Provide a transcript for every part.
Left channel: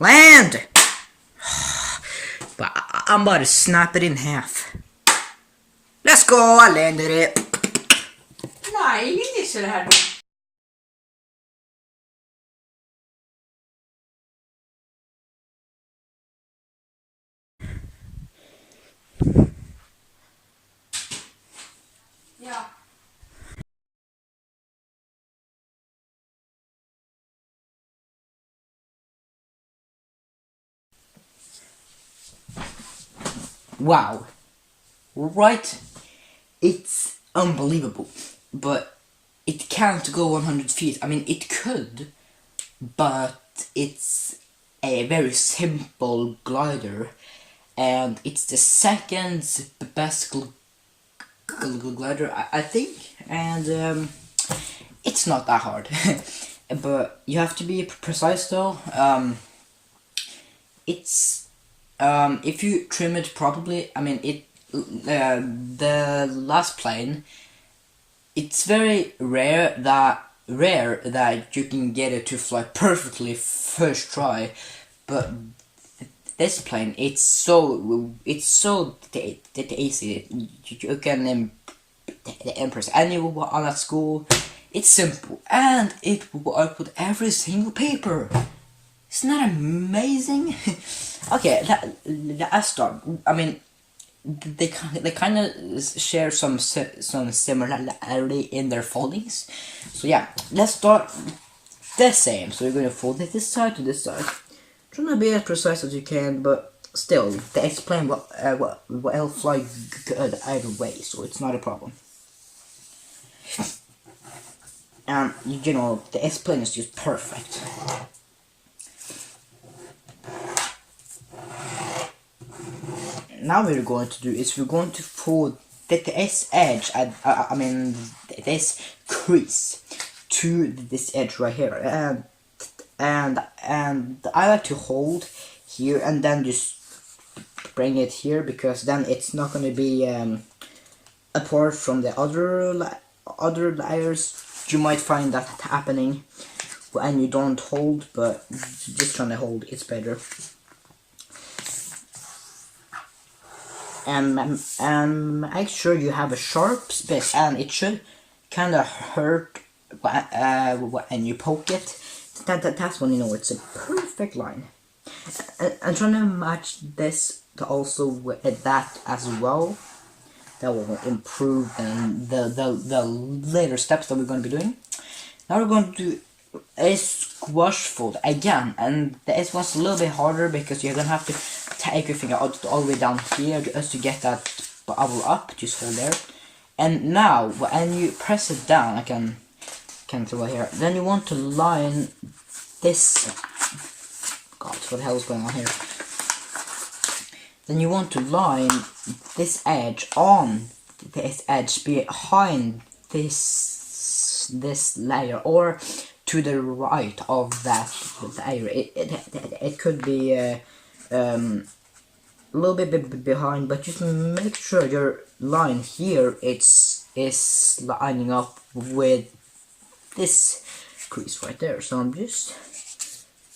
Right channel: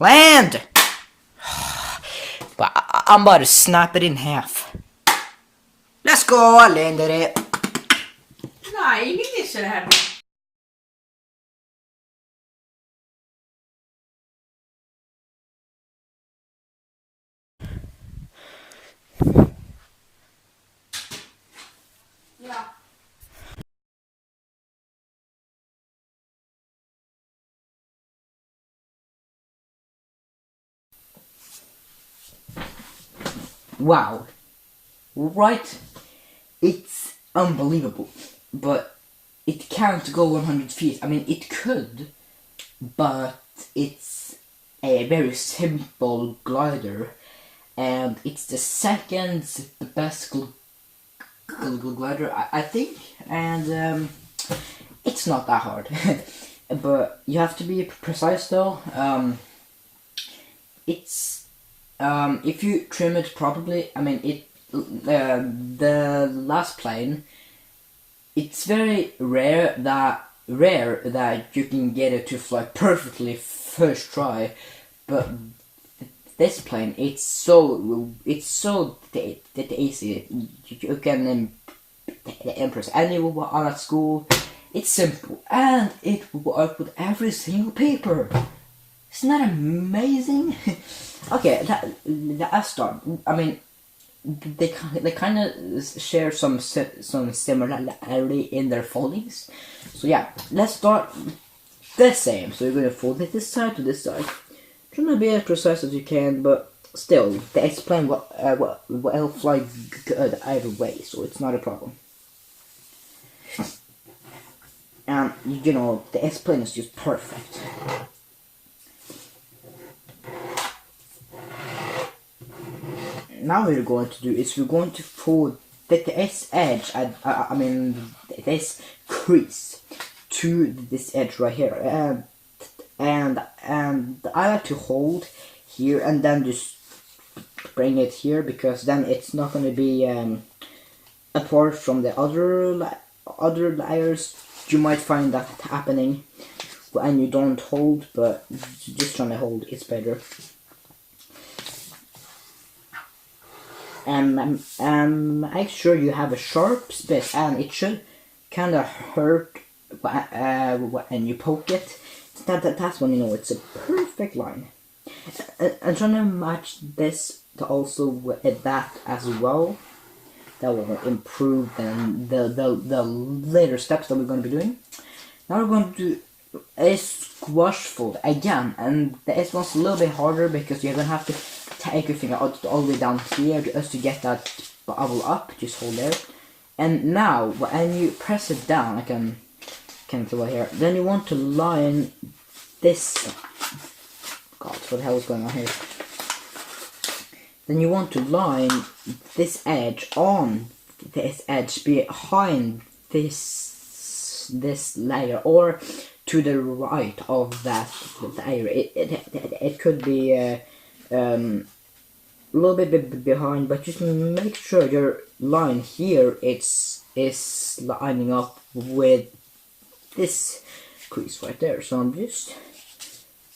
Land! But I'm about to snap it in half. Let's go, I landed it. Nej, ingenting så det här. Ja. Wow. Right? It's unbelievable. But it can't go 100 feet. I mean, it could, but it's a very simple glider, and it's the second best glider, I think, and it's not that hard. But you have to be precise though. It's if you trim it properly, I mean the last plane, it's very rare that you can get it to fly perfectly first try, but this plane, it's so easy. You can impress anyone at school. It's simple, and it works with every single paper. Isn't that amazing? Okay, let's start. I mean, they kind of share some similarity in their foldings. So yeah, let's start the same. So you're gonna fold it this side to this side. Try to be as precise as you can, but still, the S-plane will fly good either way, so it's not a problem. And you know, the S-plane is just perfect. Now what we're going to do is we're going to fold the S edge, I mean this crease to this edge right here, and I like to hold here and then just bring it here, because then it's not going to be apart from the other layers. You might find that happening when you don't hold, but just trying to hold it's better. And make sure you have a sharp bit, and it should kind of hurt when you poke it. That's when you know it's a perfect line. And trying to match this to also with that as well. That will improve the later steps that we're going to be doing. Now we're going to do a squash fold again, and this one's a little bit harder because you're going to have to take your finger out all the way down here just to get that bubble up. Just hold there, and now when you press it down, I can throw it here. Then you want to line this. God, what the hell is going on here? Then you want to line this edge on this edge behind this layer, or to the right of that layer. It could be a little bit behind, but just make sure your line here is lining up with this crease right there. So I'm just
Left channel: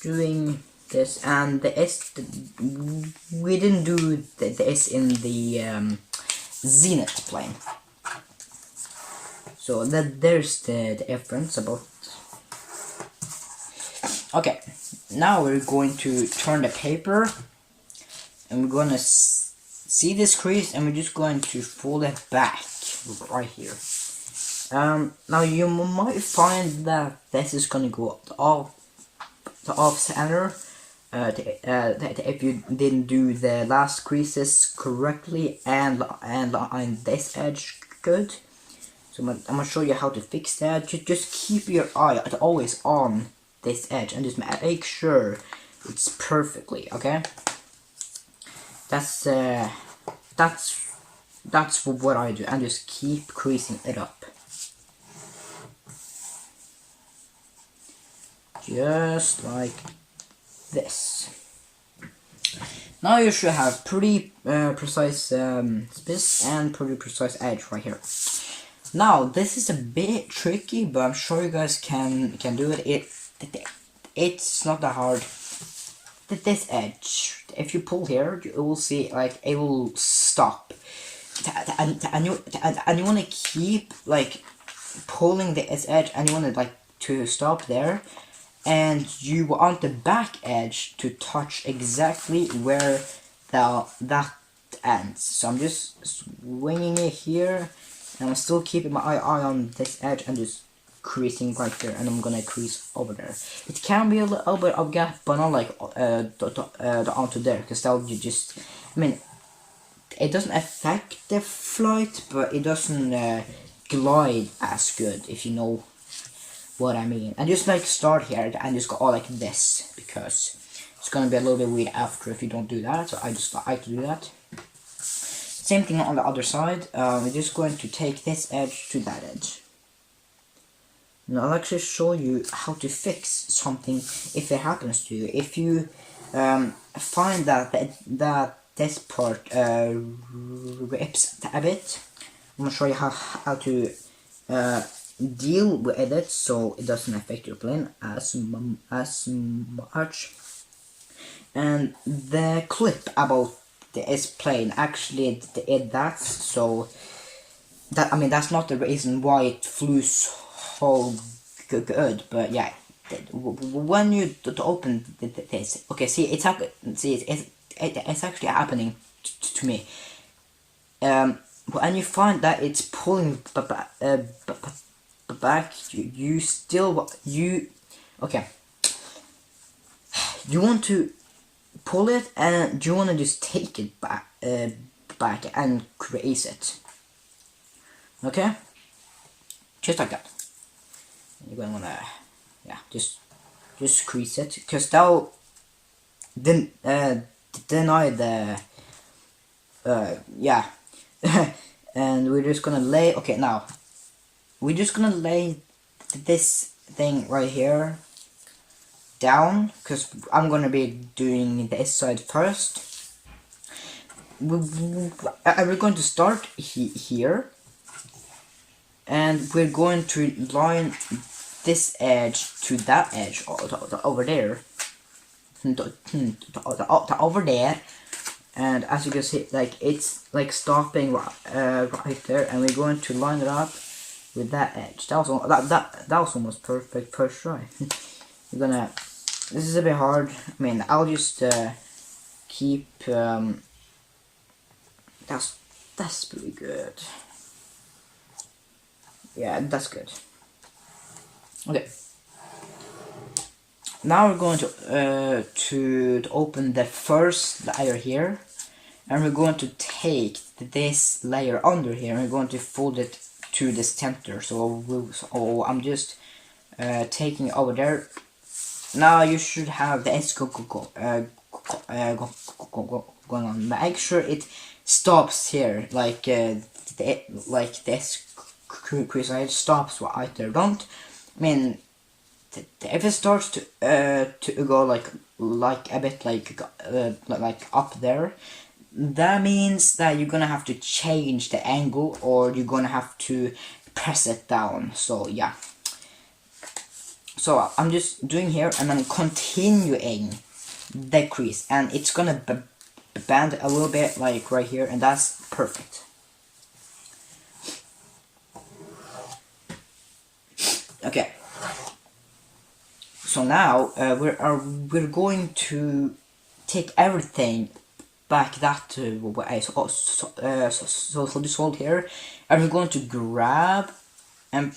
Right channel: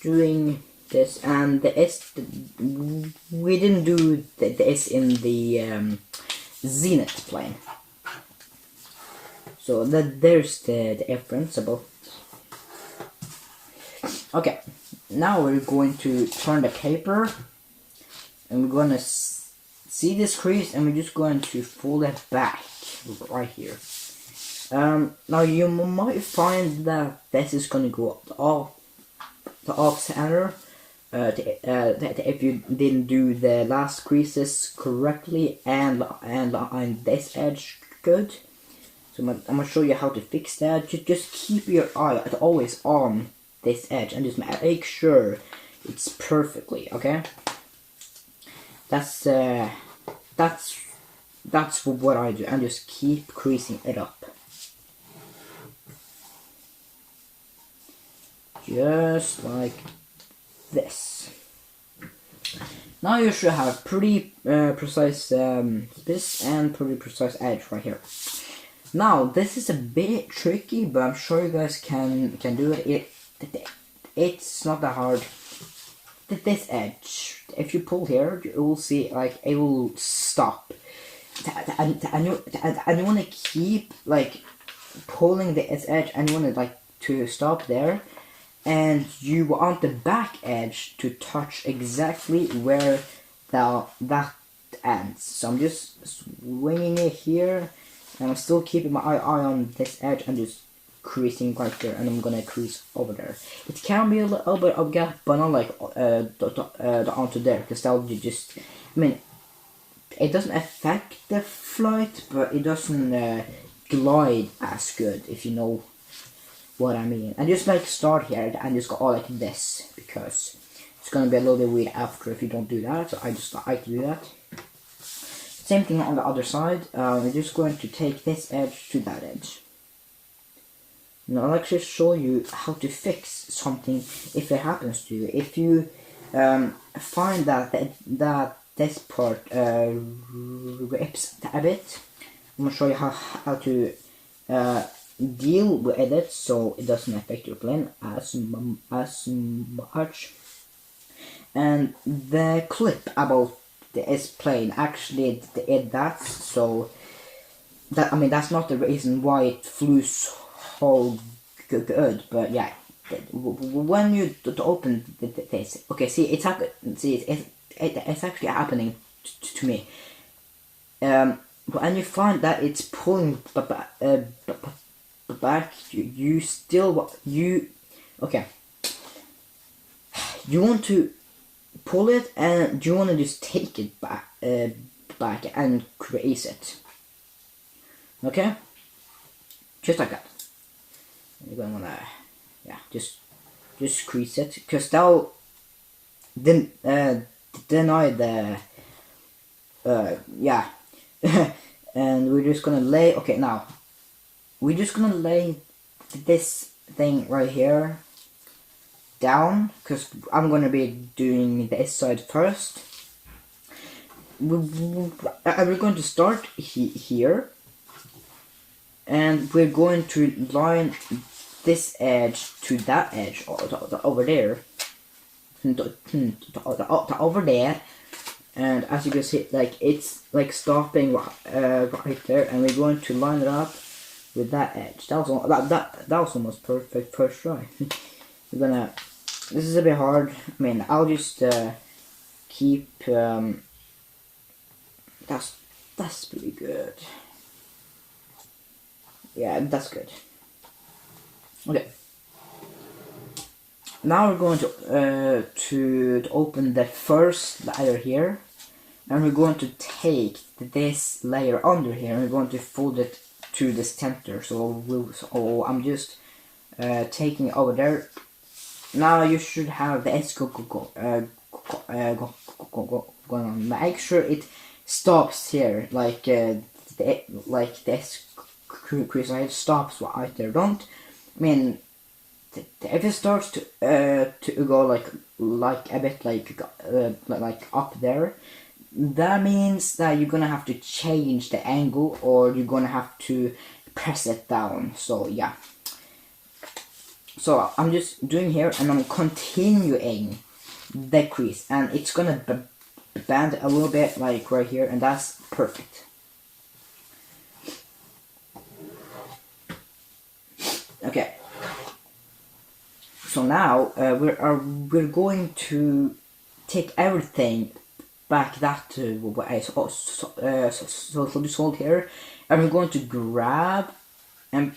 doing this, and the S, we didn't do the S in the zenith plane, so there's the difference about. Okay, now we're going to turn the paper, and we're gonna see this crease, and we're just going to fold it back right here. Now you might find that this is gonna go off center. If you didn't do the last creases correctly and on this edge good. So I'm gonna show you how to fix that. Just keep your eye always on this edge and just make sure it's perfectly okay. That's what I do, and just keep creasing it up. Just like this. Now you should have pretty precise space and pretty precise edge right here. Now this is a bit tricky, but I'm sure you guys can do it. It's not that hard. this edge, if you pull here, you will see like it will stop, and you want to keep like pulling this edge, and you want to like to stop there, and you want the back edge to touch exactly where that ends. So I'm just swinging it here, and I'm still keeping my eye on this edge and just creasing right there, and I'm gonna crease over there. It can be a little bit of gap, but not like onto there, because that would be just, I mean, it doesn't affect the flight, but it doesn't glide as good, if you know what I mean. And just like start here and just go all like this, because it's gonna be a little bit weird after if you don't do that, so I just like to do that. Same thing on the other side. We're just going to take this edge to that edge. Now I'll actually show you how to fix something if it happens to you. If you find that this part rips a bit, I'm gonna show you how to deal with it so it doesn't affect your plane as much. And the clip about this plane actually that's so that, I mean, that's not the reason why it flew so good, but yeah, when you open this, okay, see, it's actually happening to me. And you find that it's pulling back, you still okay, you want to pull it, and you want to just take it back and crease it, okay, just like that. You're gonna wanna, yeah, just crease it, because that'll deny the yeah. And we're just gonna lay, okay, now we're just gonna lay this thing right here down, because I'm gonna be doing this side first. We're going to start here, and we're going to line this edge to that edge over there, over there. And as you can see, like it's like stopping right there, and we're going to line it up with that edge. That was almost perfect first try. We're gonna. This is a bit hard. I mean, I'll just keep. That's pretty good. Yeah, that's good. Okay. Now we're going to open the first layer here, and we're going to take this layer under here, and we're going to fold it to the center. So I'm just taking it over there. Now you should have the S going on. Make sure it stops here, like this crease right stops right there. Don't, I mean, if it starts to go like a bit like up there, that means that you're gonna have to change the angle, or you're gonna have to press it down. So yeah, so I'm just doing here, and I'm continuing the crease, and it's gonna bend a little bit like right here, and that's perfect. Okay. So now we're going to take everything back that way. So just hold here, and we're going to grab and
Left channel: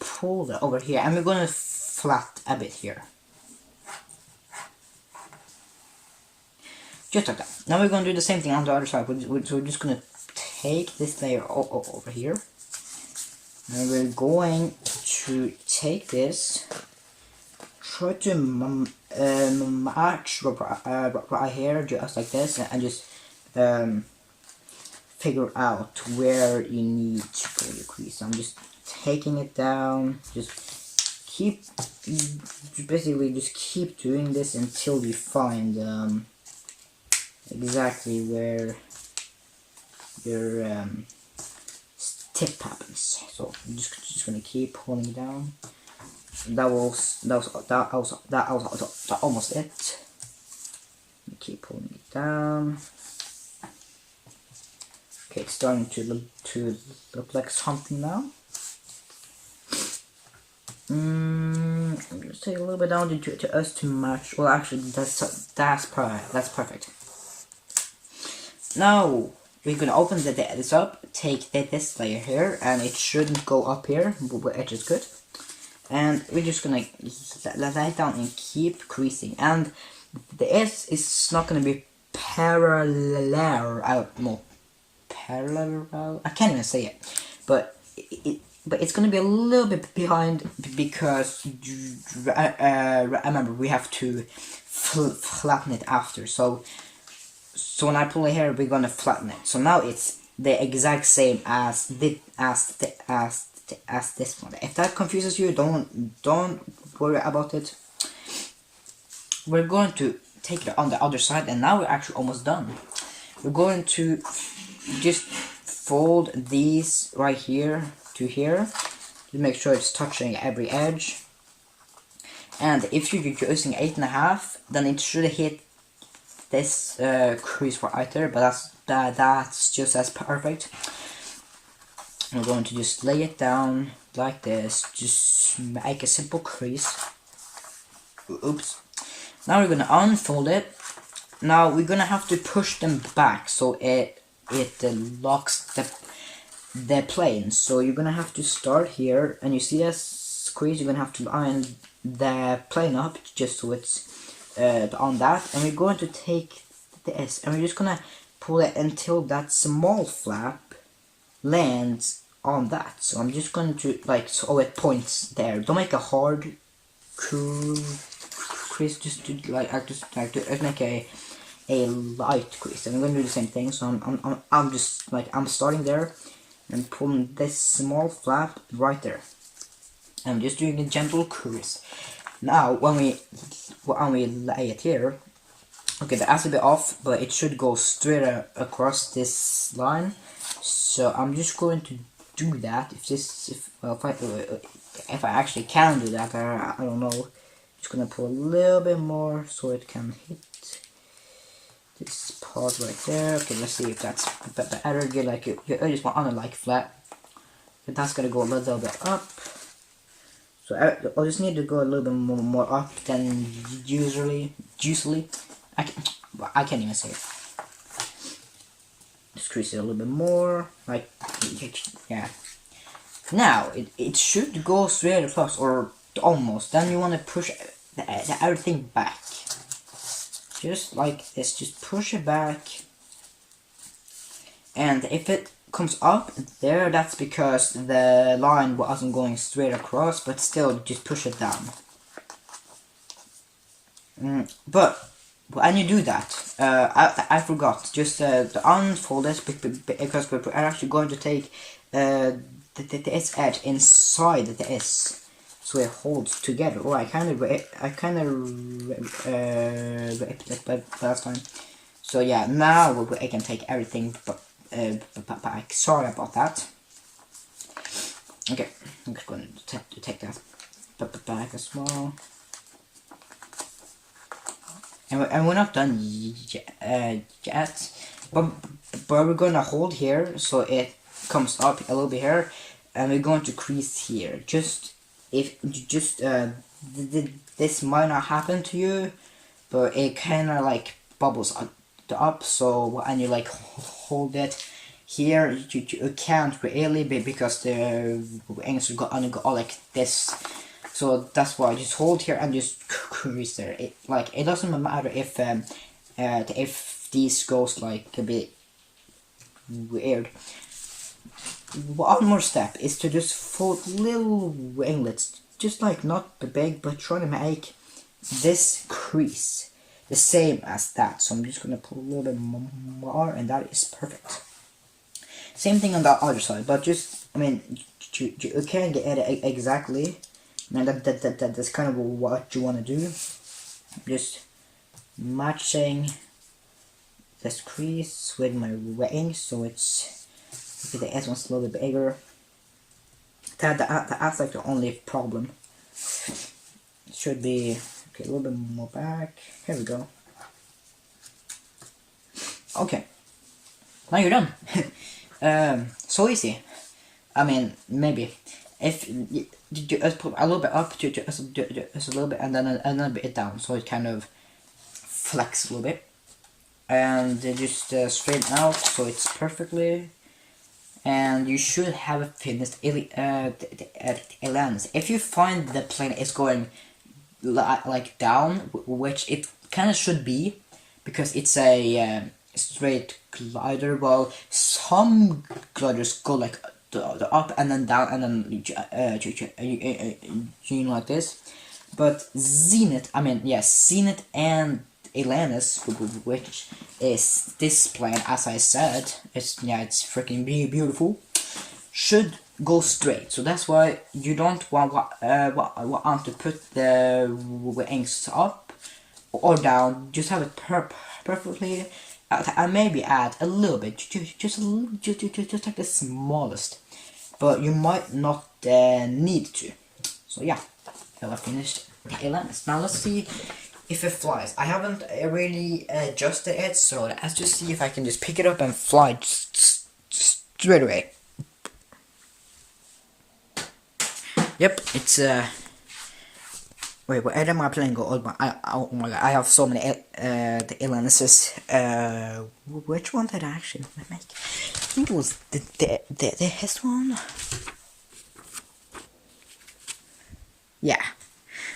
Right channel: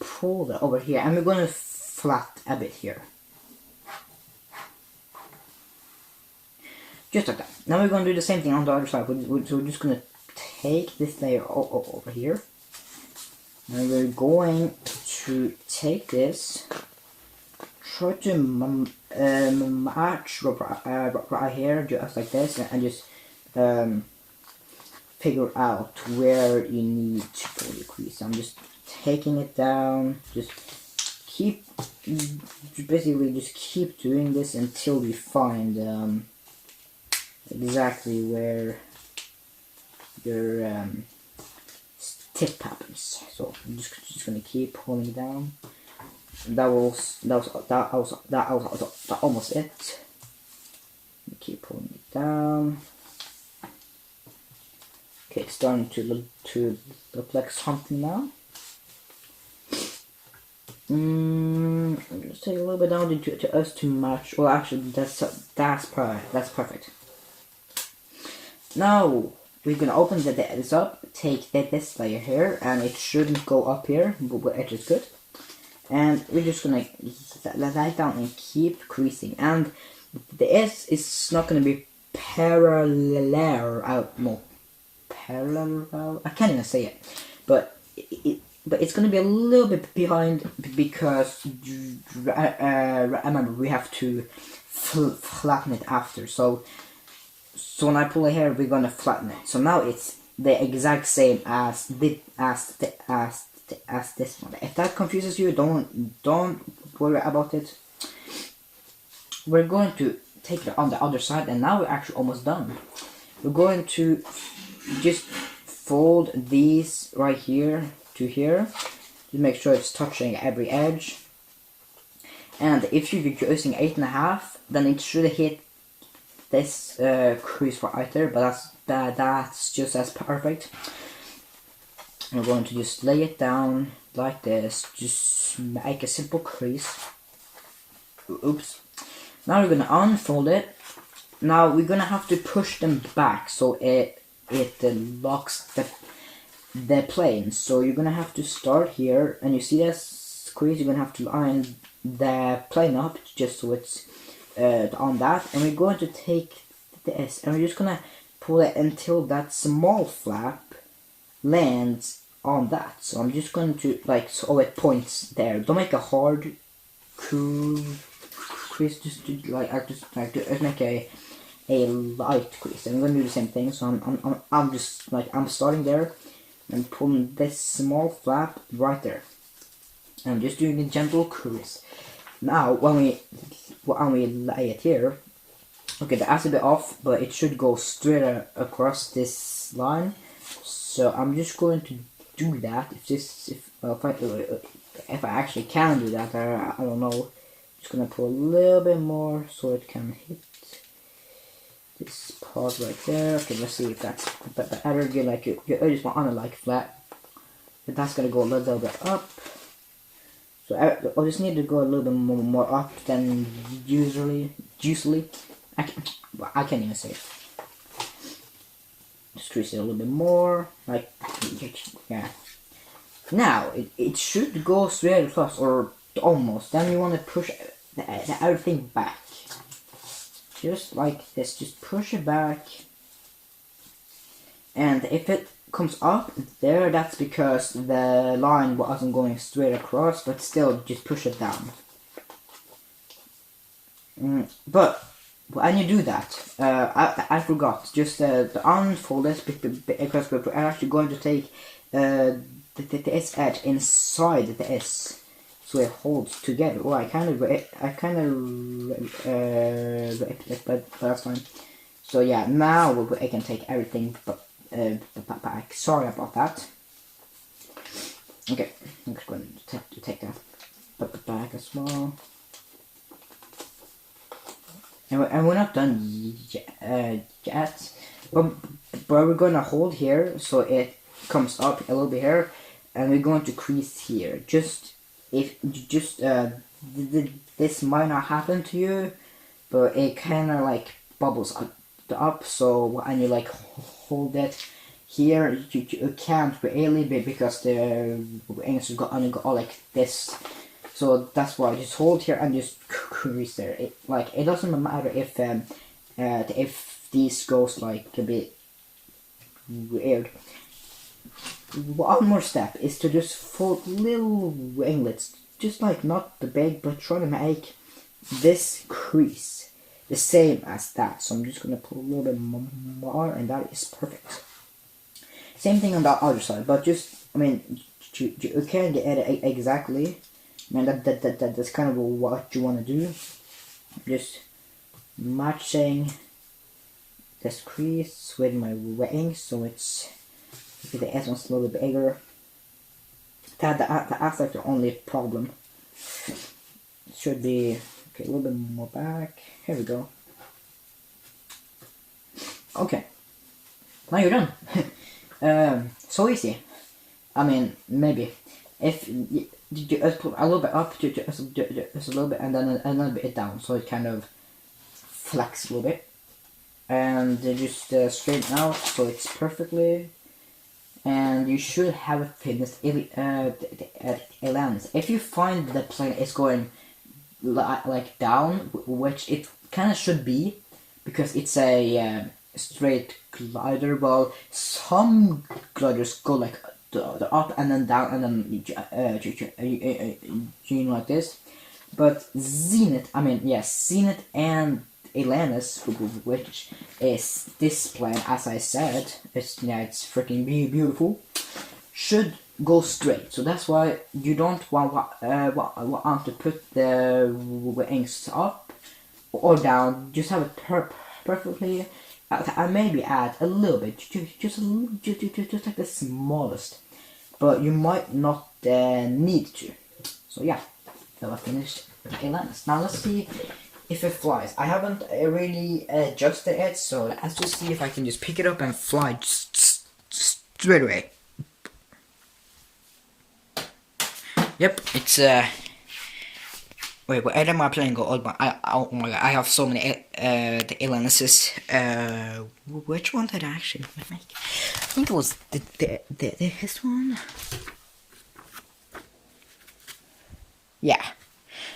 pull that over here, and we're going to flat a bit here, just like that. Now we're going to do the same thing on the other side. So we're just going to take this layer over here, and we're going to take this. Try to match right here, just like this, and just figure out where you need to put your crease. I'm just taking it down. Just basically keep doing this until you find exactly where your tip happens. So I'm just gonna keep pulling down. That was almost it. down. Okay, it's starting to look like something now. Let's take a little bit down to us to match. Well, actually, that's perfect. Now we're gonna open this up. Take this layer here, and it shouldn't go up here, which is good. And we're just gonna lay down and keep creasing. And the S is not gonna be parallel. Parallel. I can't even say it, but it's gonna be a little bit behind because remember we have to flatten it after. So when I pull it here, we're gonna flatten it. So now it's the exact same as this one. If that confuses you, don't worry about it. We're going to take it on the other side, and now we're actually almost done. We're going to just fold these right here to here to make sure it's touching every edge. And if you're using 8.5, then it should hit this crease right there, but that's just as perfect. I'm going to just lay it down like this, just make a simple crease. Oops. Now we're gonna unfold it. Now we're gonna have to push them back so it locks the plane. So you're gonna have to start here, and you see this crease. You're gonna have to line the plane up just so it's on that, and we're going to take this and we're just gonna pull it until that small flap lands on that. So I'm just going to so it points there. Don't make a hard crease, just make a light crease. And I'm gonna do the same thing. So I'm just I'm starting there and pulling this small flap right there. And I'm just doing a gentle crease. Now when we lay it here, okay, that's a bit off, but it should go straight across this line. So I'm just going to do that. If I actually can do that, I don't know. Just gonna put a little bit more so it can hit this part right there. Okay, let's see if that's better. Again, like you just want on it flat, but that's gonna go a little bit up. So I just need to go a little bit more up than usually. I can't even say it. Just crease it a little bit more, yeah. Now it should go straight across, or almost. Then you want to push everything back, just like this. Just push it back, and if it comes up there, that's because the line wasn't going straight across. But still, just push it down. But when you do that, I forgot, just unfold it because we're actually going to take the S edge inside the S, so it holds together. Oh, I kind of last time. So yeah, now I can take everything back. Sorry about that. Okay, I'm just going to take that back as well. And we're not done yet, but we're going to hold here so it comes up a little bit here, and we're going to crease here. This might not happen to you, but it kind of bubbles up. So when you hold it here, you can't really be, because the wings are going to go like this. So that's why I just hold here and just crease there. It doesn't matter if these goes a bit weird. One more step is to just fold little winglets, just not the big, but trying to make this crease the same as that. So I'm just gonna put a little bit more, and that is perfect. Same thing on the other side, but just you can't get it exactly. That's kind of what you want to do. Just matching this crease with my wing, so it's the S one's a little bit bigger. That's the only problem. It should be a little bit more back. Here we go. Okay, now you're done. So easy. I mean, maybe if you just put a little bit up, just a little bit, and then another bit down, so it kind of flex a little bit, and then just straighten out so it's perfectly. And you should have finished aliens. If you find the plane is going like down, which it kind of should be, because it's a straight glider. Well, some gliders go like the up and then down and then like this. But Zenith, Zenith and Atlantis, which is this plane, as I said, it's freaking beautiful, should go straight. So that's why you don't want to put the wings up or down. Just have it perfectly, and maybe add a little bit, just like the smallest. But you might not need to. So yeah, I finished the Atlantis. Now let's see if it flies. I haven't really adjusted it, so let's just see if I can just pick it up and fly straight away. Yep, it's wait, where did my plane go? Oh my god, I have so many the Atlantis. Which one did I actually make? I think it was this one. Yeah.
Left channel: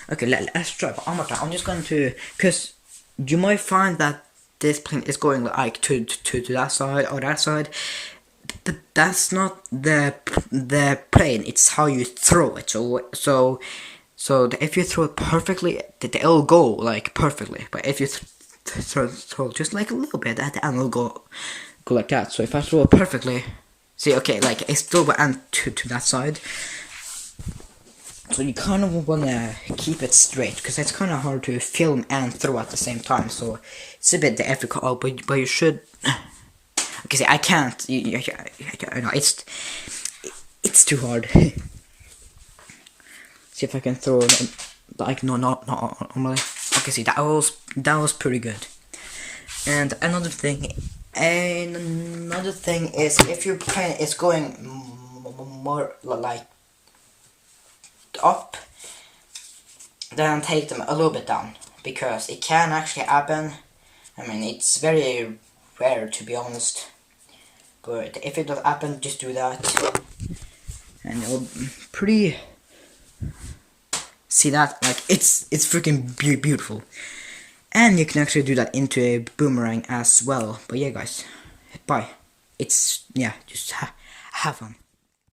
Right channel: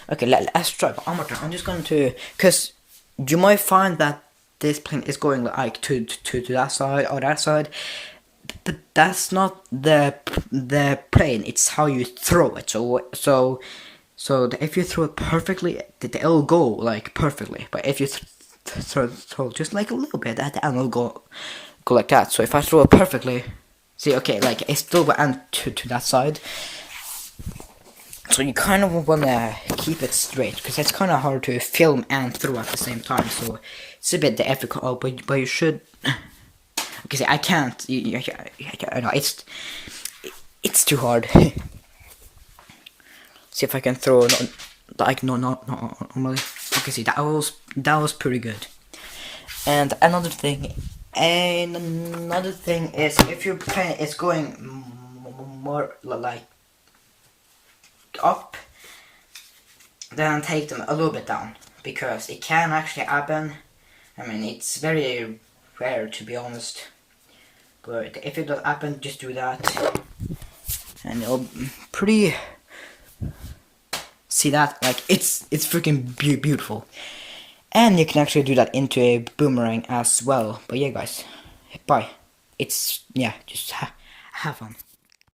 Okay, let's try one more time. I'm just going to, because you might find that this plane is going like to that side or that side. But that's not the plane. It's how you throw it. So if you throw it perfectly, it'll go like perfectly. But if you throw just like a little bit, then it'll go like that. So if I throw it perfectly, see, okay, like it still will end to that side. So you kind of want to keep it straight, because it's kind of hard to film and throw at the same time. So it's a bit difficult, but you should. Okay, see, I can't. I know it's too hard. See if I can throw like not normally. Okay, see, that was pretty good. And another thing is, if your plane is going more like up, then take them a little bit down, because it can actually happen. I mean, it's very rare, to be honest, but if it does happen, just do that, and it'll pretty. See that? Like it's freaking beautiful, and you can actually do that into a boomerang as well. But yeah, guys, bye. It's just have fun.